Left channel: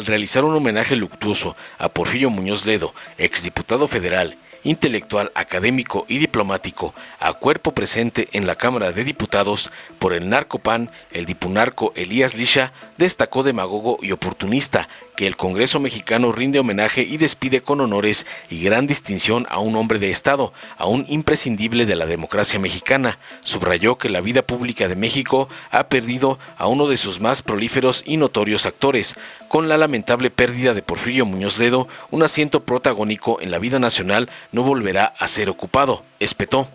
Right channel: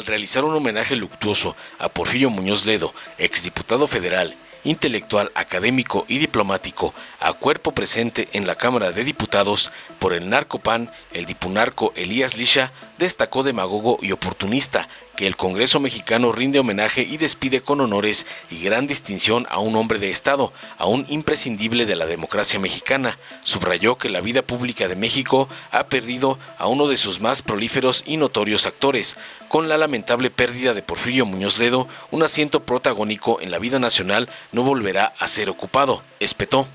al realizar un homenaje luctuoso a Porfirio Muñoz Ledo, exdiputado federal, intelectual, académico y diplomático, a cuerpo presente en la Cámara de Diputados por el narcopan, el dipunarco Elías Lisha, destacó demagogo y oportunista que el Congreso mexicano rinde homenaje y despide con honores y gran distinción a un hombre de Estado, a un imprescindible de la democracia mexicana. Subrayó que la vida pública de México ha perdido a uno de sus más prolíferos y notorios actores. Con la lamentable pérdida de Porfirio Muñoz Ledo, un asiento protagónico en la vida nacional no volverá a ser ocupado, espetó.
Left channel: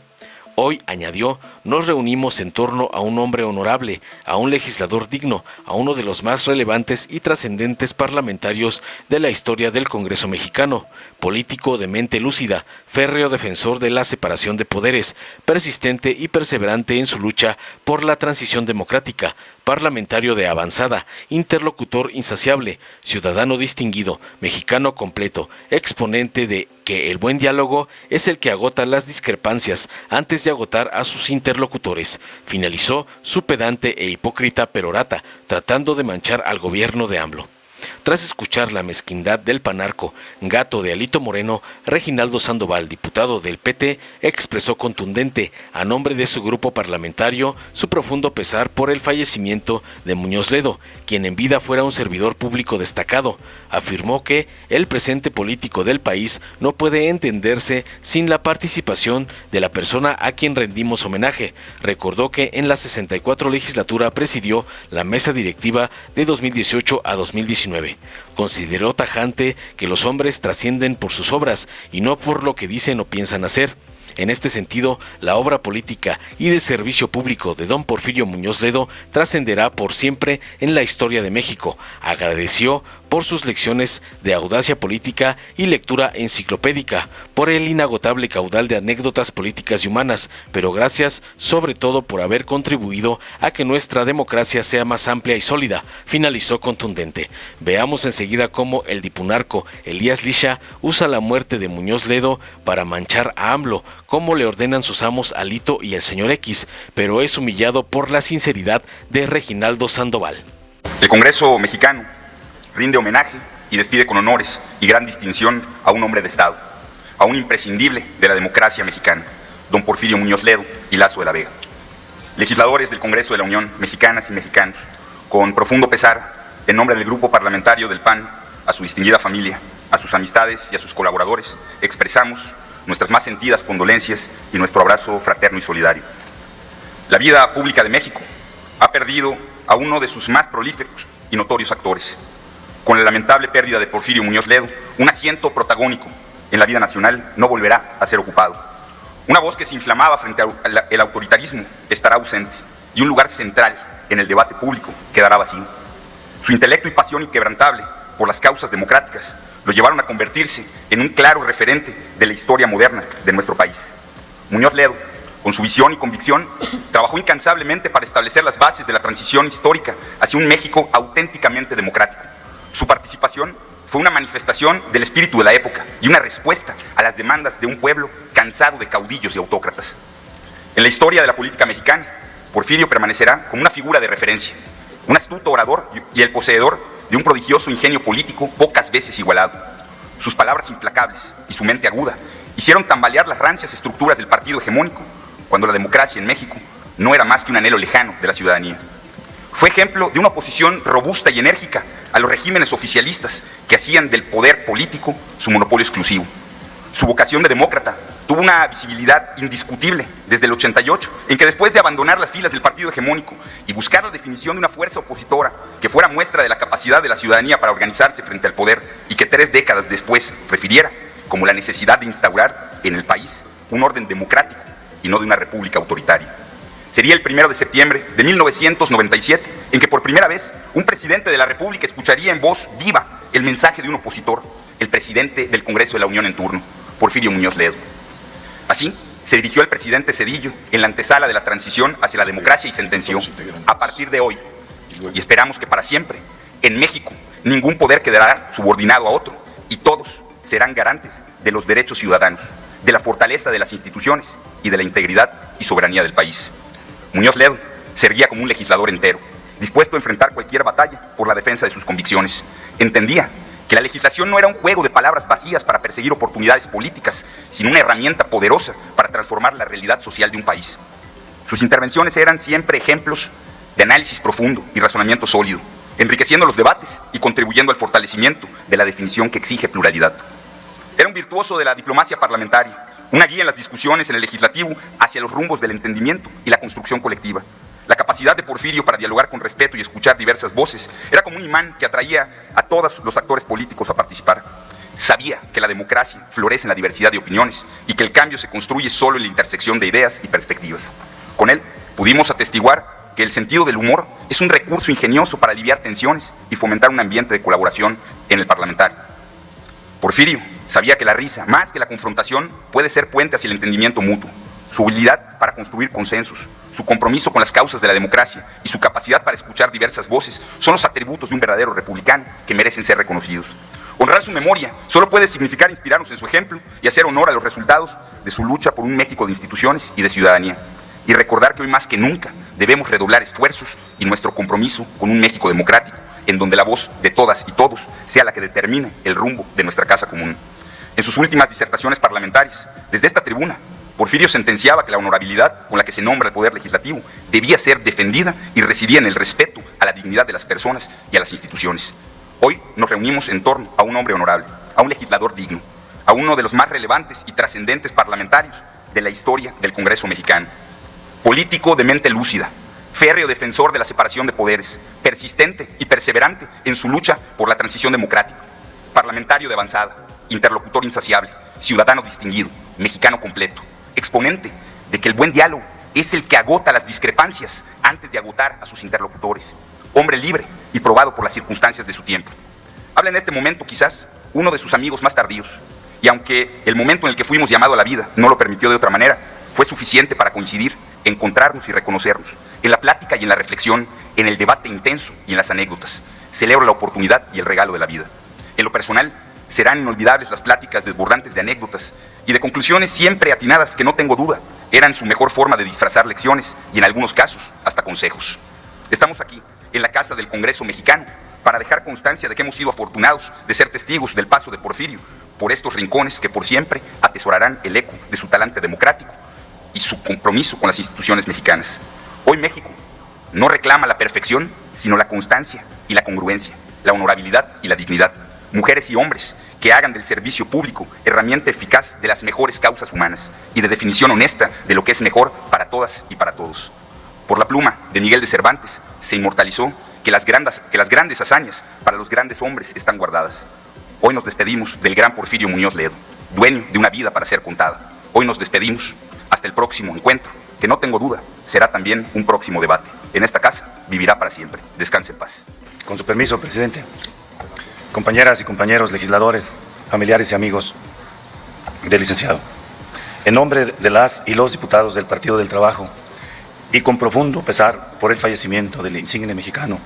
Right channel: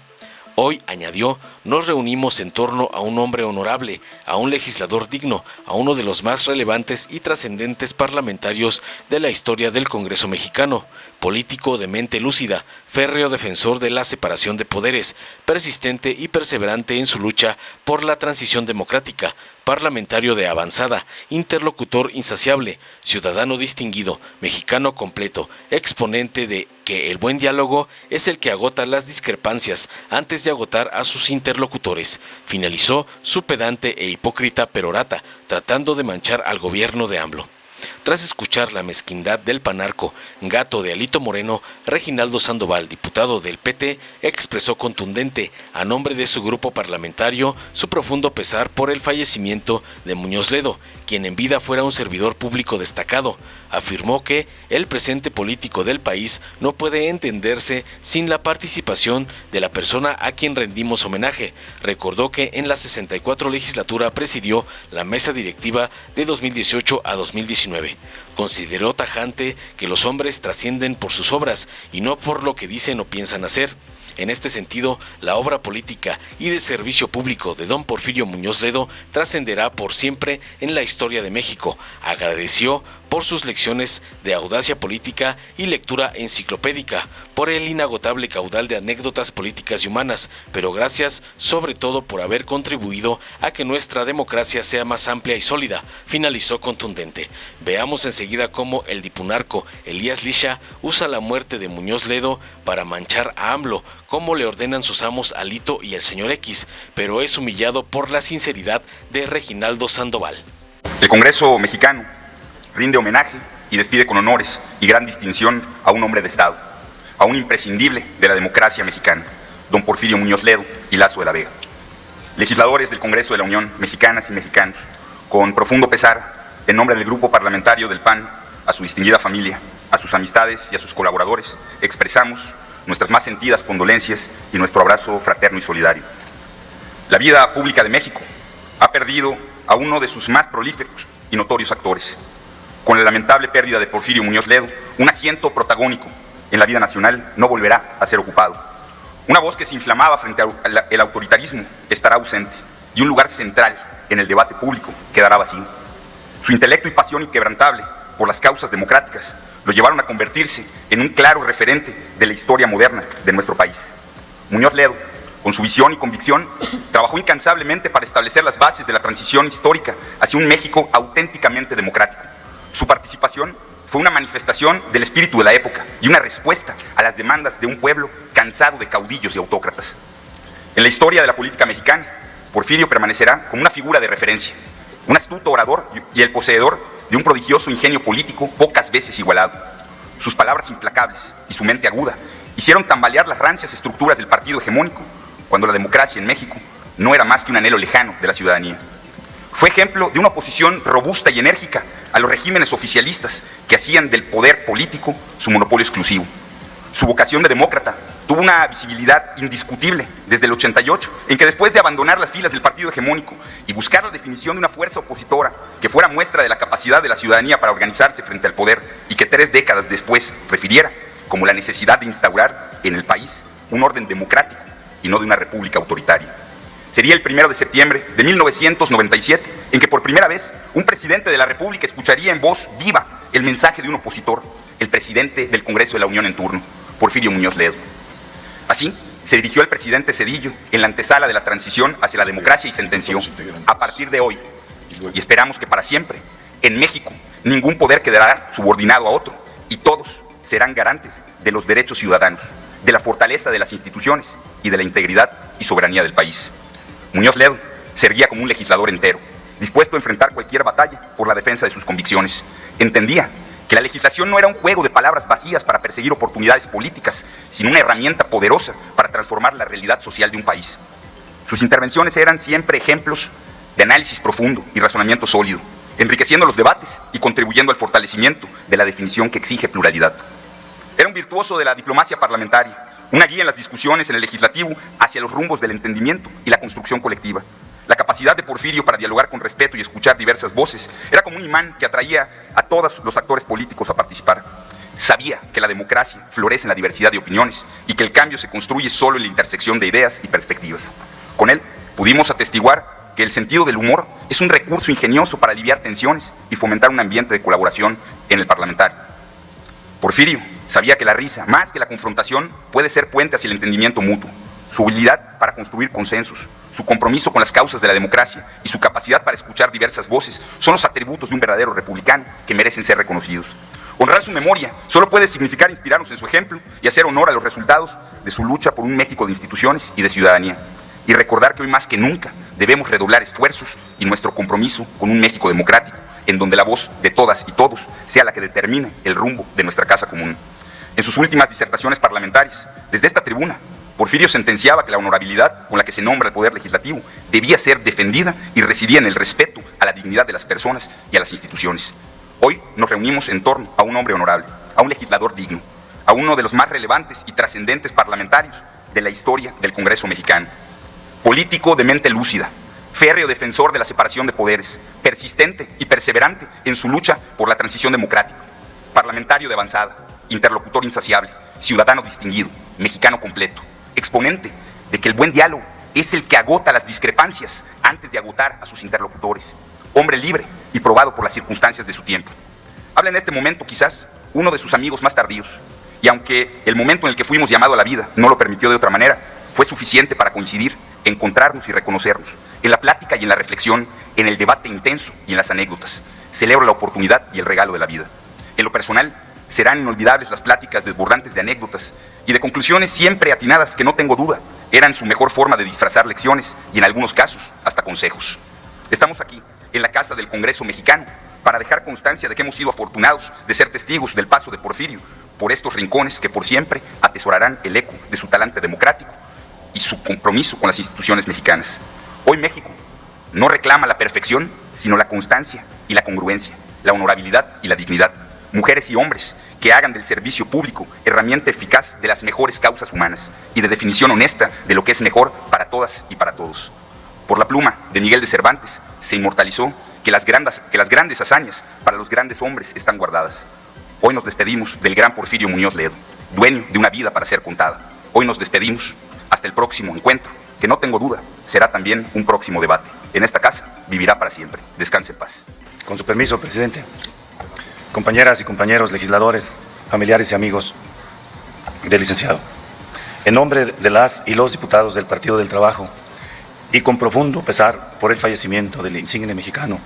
Hoy, añadió, nos reunimos en torno a un hombre honorable, a un legislador digno, a uno de los más relevantes y trascendentes parlamentarios de la historia del Congreso mexicano, político de mente lúcida, férreo defensor de la separación de poderes, persistente y perseverante en su lucha por la transición democrática, parlamentario de avanzada, interlocutor insaciable, ciudadano distinguido, mexicano completo, exponente de que el buen diálogo es el que agota las discrepancias antes de agotar a sus interlocutores, finalizó su pedante e hipócrita perorata, tratando de manchar al gobierno de AMLO. Tras escuchar la mezquindad del panarco, gato de Alito Moreno, Reginaldo Sandoval, diputado del PT, expresó contundente, a nombre de su grupo parlamentario, su profundo pesar por el fallecimiento de Muñoz Ledo, quien en vida fuera un servidor público destacado. Afirmó que el presente político del país no puede entenderse sin la participación de la persona a quien rendimos homenaje. Recordó que en la 64 legislatura presidió la mesa directiva de 2018 a 2019. Consideró tajante que los hombres trascienden por sus obras y no por lo que dicen o piensan hacer. En este sentido, la obra política y de servicio público de don Porfirio Muñoz Ledo trascenderá por siempre en la historia de México. Agradeció por sus lecciones de audacia política y lectura enciclopédica, por el inagotable caudal de anécdotas políticas y humanas, pero gracias sobre todo por haber contribuido a que nuestra democracia sea más amplia y sólida, finalizó contundente. Veamos enseguida cómo el dipunarco Elías Lisha usa la muerte de Muñoz Ledo para manchar a AMLO, como le ordenan sus amos Alito y el señor X, pero es humillado por la sinceridad de Reginaldo Sandoval. El Congreso mexicano rinde homenaje y despide con honores y gran distinción a un hombre de Estado, a un imprescindible de la democracia mexicana, don Porfirio Muñoz Ledo y Lazo de la Vega. Legisladores del Congreso de la Unión, mexicanas y mexicanos, con profundo pesar, en nombre del Grupo Parlamentario del PAN, a su distinguida familia, a sus amistades y a sus colaboradores, expresamos nuestras más sentidas condolencias y nuestro abrazo fraterno y solidario. La vida pública de México ha perdido a uno de sus más prolíferos y notorios actores. Con la lamentable pérdida de Porfirio Muñoz Ledo, un asiento protagónico en la vida nacional no volverá a ser ocupado. Una voz que se inflamaba frente al autoritarismo estará ausente y un lugar central en el debate público quedará vacío. Su intelecto y pasión inquebrantable por las causas democráticas lo llevaron a convertirse en un claro referente de la historia moderna de nuestro país. Muñoz Ledo, con su visión y convicción, trabajó incansablemente para establecer las bases de la transición histórica hacia un México auténticamente democrático. Su participación fue una manifestación del espíritu de la época y una respuesta a las demandas de un pueblo cansado de caudillos y autócratas. En la historia de la política mexicana, Porfirio permanecerá como una figura de referencia, un astuto orador y el poseedor de un prodigioso ingenio político pocas veces igualado. Sus palabras implacables y su mente aguda hicieron tambalear las rancias estructuras del partido hegemónico, cuando la democracia en México no era más que un anhelo lejano de la ciudadanía. Fue ejemplo de una oposición robusta y enérgica a los regímenes oficialistas que hacían del poder político su monopolio exclusivo. Su vocación de demócrata tuvo una visibilidad indiscutible desde el 88, en que después de abandonar las filas del partido hegemónico y buscar la definición de una fuerza opositora que fuera muestra de la capacidad de la ciudadanía para organizarse frente al poder y que 3 décadas después refiriera como la necesidad de instaurar en el país un orden democrático y no de una república autoritaria. Sería el 1 de septiembre de 1997 en que por primera vez un presidente de la República escucharía en voz viva el mensaje de un opositor, el presidente del Congreso de la Unión en turno, Porfirio Muñoz Ledo. Así, se dirigió el presidente Zedillo en la antesala de la transición hacia la democracia y sentenció: a partir de hoy, y esperamos que para siempre, en México ningún poder quedará subordinado a otro y todos serán garantes de los derechos ciudadanos, de la fortaleza de las instituciones y de la integridad y soberanía del país. Muñoz Ledo servía como un legislador entero, dispuesto a enfrentar cualquier batalla por la defensa de sus convicciones. Entendía que la legislación no era un juego de palabras vacías para perseguir oportunidades políticas, sino una herramienta poderosa para transformar la realidad social de un país. Sus intervenciones eran siempre ejemplos de análisis profundo y razonamiento sólido, enriqueciendo los debates y contribuyendo al fortalecimiento de la definición que exige pluralidad. Era un virtuoso de la diplomacia parlamentaria, una guía en las discusiones en el legislativo hacia los rumbos del entendimiento y la construcción colectiva. La capacidad de Porfirio para dialogar con respeto y escuchar diversas voces era como un imán que atraía a todos los actores políticos a participar. Sabía que la democracia florece en la diversidad de opiniones y que el cambio se construye solo en la intersección de ideas y perspectivas. Con él pudimos atestiguar que el sentido del humor es un recurso ingenioso para aliviar tensiones y fomentar un ambiente de colaboración en el parlamentario. Porfirio sabía que la risa, más que la confrontación, puede ser puente hacia el entendimiento mutuo. Su habilidad para construir consensos, su compromiso con las causas de la democracia y su capacidad para escuchar diversas voces son los atributos de un verdadero republicano que merecen ser reconocidos. Honrar su memoria solo puede significar inspirarnos en su ejemplo y hacer honor a los resultados de su lucha por un México de instituciones y de ciudadanía. Y recordar que hoy más que nunca debemos redoblar esfuerzos y nuestro compromiso con un México democrático, en donde la voz de todas y todos sea la que determine el rumbo de nuestra casa común. En sus últimas disertaciones parlamentarias, desde esta tribuna, Porfirio sentenciaba que la honorabilidad con la que se nombra el poder legislativo debía ser defendida y residía en el respeto a la dignidad de las personas y a las instituciones. Hoy nos reunimos en torno a un hombre honorable, a un legislador digno, a uno de los más relevantes y trascendentes parlamentarios de la historia del Congreso mexicano. Político de mente lúcida, férreo defensor de la separación de poderes, persistente y perseverante en su lucha por la transición democrática, parlamentario de avanzada, interlocutor insaciable, ciudadano distinguido, mexicano completo, exponente de que el buen diálogo es el que agota las discrepancias antes de agotar a sus interlocutores, hombre libre y probado por las circunstancias de su tiempo. Habla en este momento quizás uno de sus amigos más tardíos, y aunque el momento en el que fuimos llamados a la vida no lo permitió de otra manera, fue suficiente para coincidir, encontrarnos y reconocernos, en la plática y en la reflexión, en el debate intenso y en las anécdotas. Celebro la oportunidad y el regalo de la vida. En lo personal, serán inolvidables las pláticas desbordantes de anécdotas y de conclusiones siempre atinadas que no tengo duda eran su mejor forma de disfrazar lecciones y en algunos casos hasta consejos. Estamos aquí, en la casa del Congreso mexicano, para dejar constancia de que hemos sido afortunados de ser testigos del paso de Porfirio por estos rincones que por siempre atesorarán el eco de su talante democrático y su compromiso con las instituciones mexicanas. Hoy México no reclama la perfección, sino la constancia y la congruencia, la honorabilidad y la dignidad. Mujeres y hombres que hagan del servicio público herramienta eficaz de las mejores causas humanas y de definición honesta de lo que es mejor para todas y para todos. Por la pluma de Miguel de Cervantes se inmortalizó que las grandes hazañas para los grandes hombres están guardadas. Hoy nos despedimos del gran Porfirio Muñoz Ledo, dueño de una vida para ser contada. Hoy nos despedimos hasta el próximo encuentro, que no tengo duda será también un próximo debate. En esta casa vivirá para siempre. Descanse en paz. Con su permiso, presidente. Compañeras y compañeros legisladores, familiares y amigos del licenciado. En nombre de las y los diputados del Partido del Trabajo y con profundo pesar por el fallecimiento del insigne mexicano,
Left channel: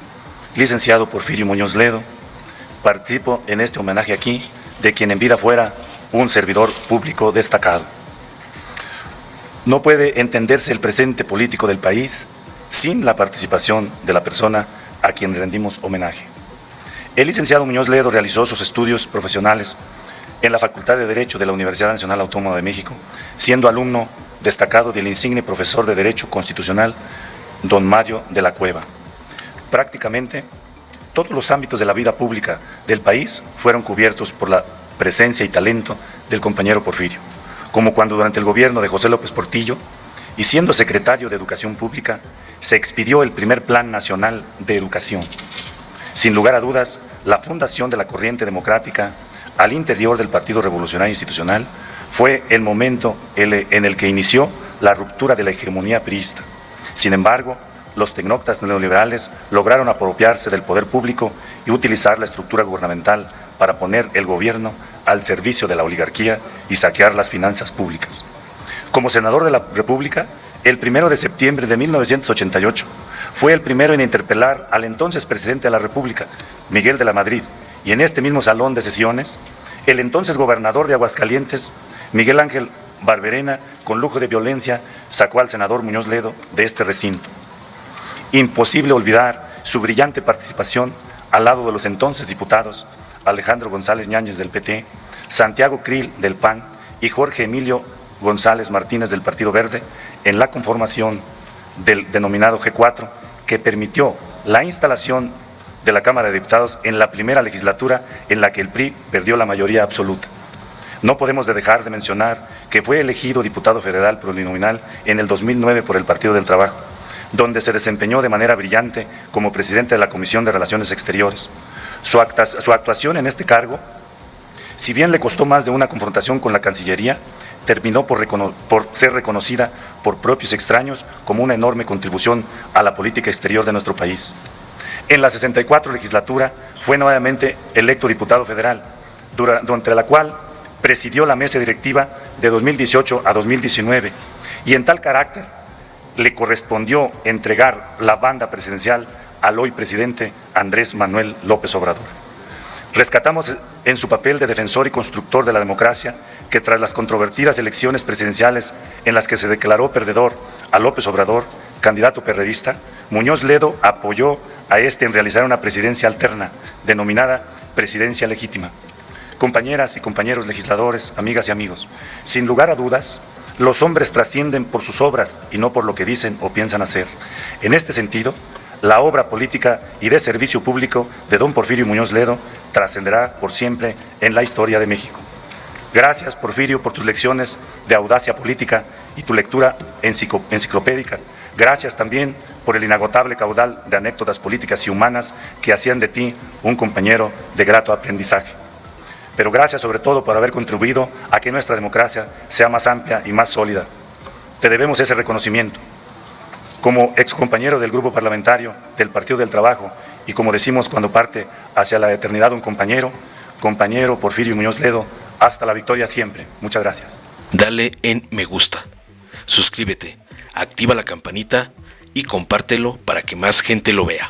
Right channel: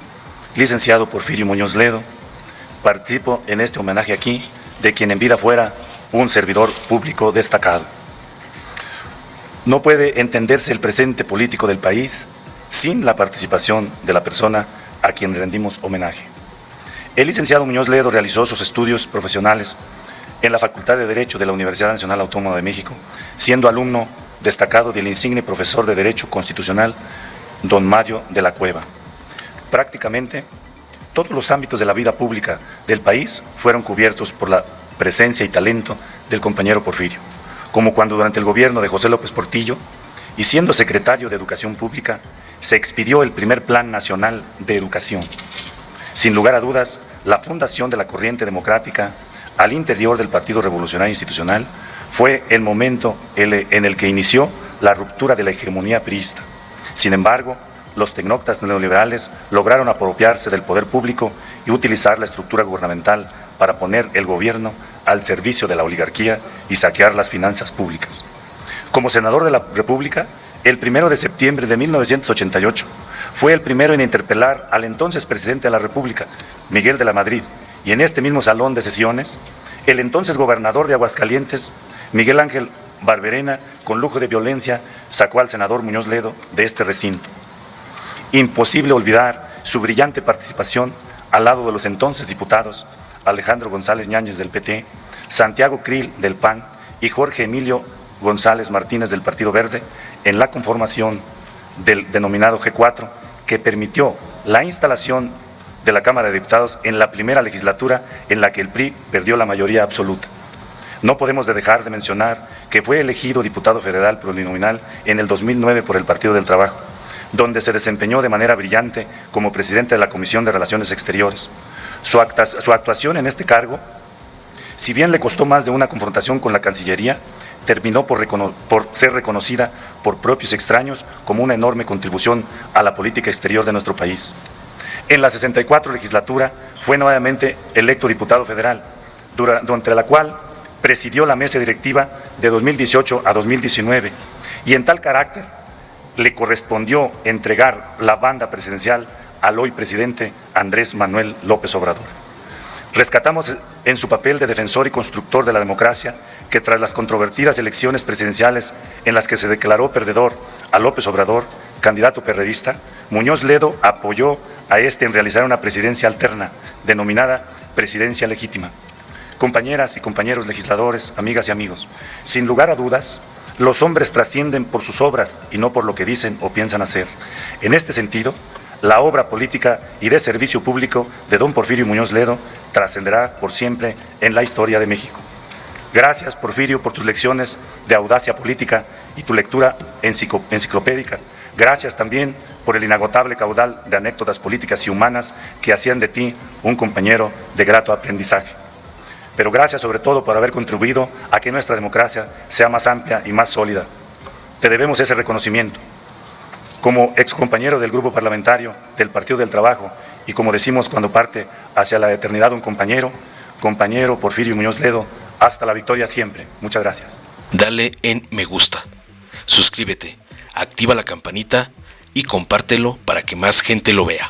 licenciado Porfirio Muñoz Ledo, participo en este homenaje aquí de quien en vida fuera un servidor público destacado. No puede entenderse el presente político del país sin la participación de la persona a quien rendimos homenaje. El licenciado Muñoz Ledo realizó sus estudios profesionales en la Facultad de Derecho de la Universidad Nacional Autónoma de México, siendo alumno destacado del insigne profesor de Derecho Constitucional, don Mario de la Cueva. Prácticamente todos los ámbitos de la vida pública del país fueron cubiertos por la presencia y talento del compañero Porfirio, como cuando durante el gobierno de José López Portillo, y siendo secretario de Educación Pública, se expidió el primer Plan Nacional de Educación. Sin lugar a dudas, la fundación de la corriente democrática al interior del Partido Revolucionario Institucional fue el momento en el que inició la ruptura de la hegemonía priista. Sin embargo, los tecnócratas neoliberales lograron apropiarse del poder público y utilizar la estructura gubernamental para poner el gobierno al servicio de la oligarquía y saquear las finanzas públicas. Como senador de la República, el 1 de septiembre de 1988, fue el primero en interpelar al entonces presidente de la República, Miguel de la Madrid, y en este mismo salón de sesiones, el entonces gobernador de Aguascalientes, Miguel Ángel Barberena, con lujo de violencia, sacó al senador Muñoz Ledo de este recinto. Imposible olvidar su brillante participación al lado de los entonces diputados Alejandro González Ñáñez del PT, Santiago Krill del PAN y Jorge Emilio González Martínez del Partido Verde en la conformación del denominado G4, que permitió la instalación de la Cámara de Diputados en la primera legislatura en la que el PRI perdió la mayoría absoluta. No podemos dejar de mencionar que fue elegido diputado federal plurinominal en el 2009 por el Partido del Trabajo, donde se desempeñó de manera brillante como presidente de la Comisión de Relaciones Exteriores. Su actuación en este cargo, si bien le costó más de una confrontación con la Cancillería, terminó por ser reconocida por propios extraños como una enorme contribución a la política exterior de nuestro país. En la 64 legislatura fue nuevamente electo diputado federal, durante la cual presidió la mesa directiva de 2018 a 2019, y en tal carácter le correspondió entregar la banda presidencial al hoy presidente Andrés Manuel López Obrador. Rescatamos en su papel de defensor y constructor de la democracia que tras las controvertidas elecciones presidenciales en las que se declaró perdedor a López Obrador, candidato perredista, Muñoz Ledo apoyó a este en realizar una presidencia alterna, denominada presidencia legítima. Compañeras y compañeros legisladores, amigas y amigos, sin lugar a dudas, los hombres trascienden por sus obras y no por lo que dicen o piensan hacer. En este sentido, la obra política y de servicio público de don Porfirio Muñoz Ledo trascenderá por siempre en la historia de México. Gracias, Porfirio, por tus lecciones de audacia política y tu lectura enciclopédica. Gracias también por el inagotable caudal de anécdotas políticas y humanas que hacían de ti un compañero de grato aprendizaje. Pero gracias sobre todo por haber contribuido a que nuestra democracia sea más amplia y más sólida. Te debemos ese reconocimiento. Como excompañero del grupo parlamentario del Partido del Trabajo y como decimos cuando parte hacia la eternidad un compañero Porfirio Muñoz Ledo, hasta la victoria siempre. Muchas gracias. Dale en me gusta, suscríbete, activa la campanita y compártelo para que más gente lo vea.